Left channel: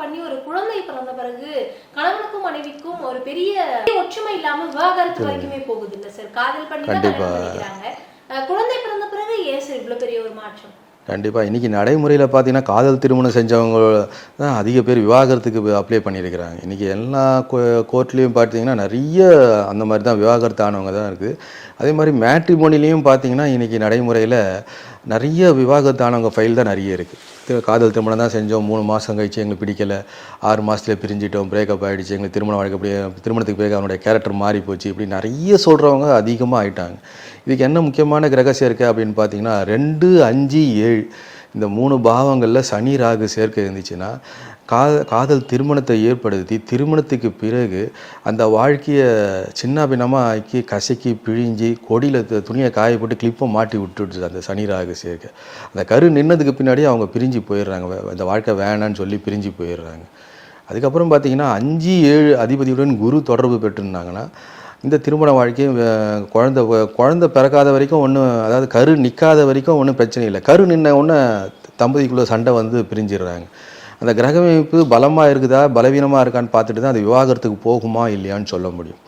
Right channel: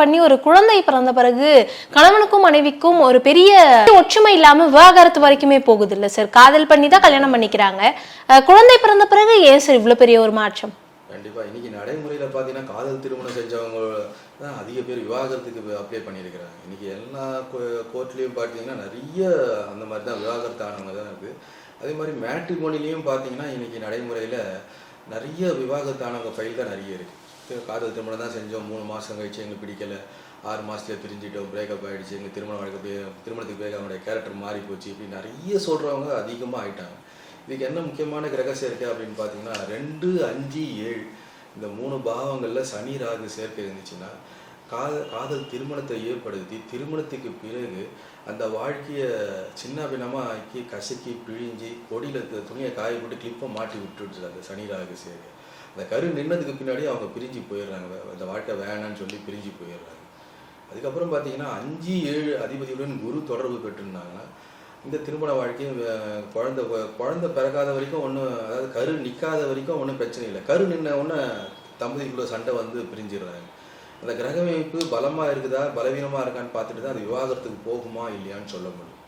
பண்ணி ஒரு குழந்தை பிறந்த பிறகு கணவனுக்கும் மனைவிக்கும் ஒரு பெரிய ஒற்றுமை இல்லாம விவாகரத்து வரைக்குமே போகுது இல்ல சார்? காதல் பண்ணி தான் கல்யாணம் பண்ணிக்கிறாங்க, குழந்தை பிறந்த பிறகு ஏன் சார் இவ்வளவு பெரிய ஒரு மாற்றம்? கண்டிப்பாக இன்றைக்கி நடைமுறையில் பார்த்தீங்கன்னா காதல் திருமணம் செஞ்சவங்க தான் அதிக பேர் விவாகரத்துக்கு அப்ளை பண்ணியிருக்கிறாங்க. இன்றைக்கி எல்லா கோர்ட்லேயும் பார்த்தீங்கன்னா நிறைய அந்த மாதிரி தான் விவாகரத்து ஆனவங்க தான் இருக்குது. அதே மாதிரி மேட்ரிமோனிலையும் பார்த்தீங்கன்னா இன்றைக்கி நடைமுறையில் நிறைய விவாகரத்து ஆனவங்க ஃபைல் தான் நிறைய இருக்குது. காதல் திருமணம் தான் செஞ்சோம், 3 மாதம் கழிச்சு எங்களுக்கு பிடிக்கலை, 6 மாதத்துல பிரிஞ்சிட்டோம், பிரேக்கப் ஆகிடுச்சு, எங்களுக்கு திருமணம் வாழ்க்கை அப்படியே திருமணத்துக்கு பிறகு அவனுடைய கேரக்டர் மாறி போச்சு, இப்படி நிறைய சொல்கிறவங்க அதிகமாக ஆகிட்டாங்க. இதுக்கு என்ன முக்கியமான கிரகசியம் இருக்குது அப்படின்னு பார்த்தீங்கன்னா 2, 5, 7 இந்த 3 பாவங்களில் சனி ராகு சேர்க்கை இருந்துச்சுன்னா காதல் திருமணத்தை ஏற்படுத்தி திருமணத்துக்கு பிறகு அந்த வாழ்க்கையை சின்ன பின்னமாக ஆக்கி கசக்கி பிழிஞ்சி கொடியில் துணியை காய போட்டு கிளிப்பை மாட்டி விட்டுடுச்சு அந்த சனி ராகு சேர்க்கை. அந்த கரு நின்னதுக்கு பின்னாடி அவங்க பிரிஞ்சு போயிடுறாங்க, அந்த வாழ்க்கை வேணான்னு சொல்லி பிரிஞ்சு போயிடுறாங்க. அதுக்கப்புறம் பார்த்தீங்கன்னா 5, 7 அதிபதியுடன் குரு தொடர்பு பெற்றுருந்தாங்கன்னா இந்த திருமண வாழ்க்கையும் குழந்தை பிறக்காத வரைக்கும் ஒன்றும், அதாவது கரு நிற்காத வரைக்கும் ஒன்றும் பிரச்சனை இல்லை. கரு நின்ன ஒன்று தம்பதிக்குள்ளே சண்டை வந்து பிரிஞ்சிடுறாங்க. அந்த கிரகமைப்பு பலமாக இருக்குதா பலவீனமாக இருக்கான்னு பார்த்துட்டு தான் அது விவாகரத்துக்கு போகுமா இல்லையான்னு சொல்ல முடியும்.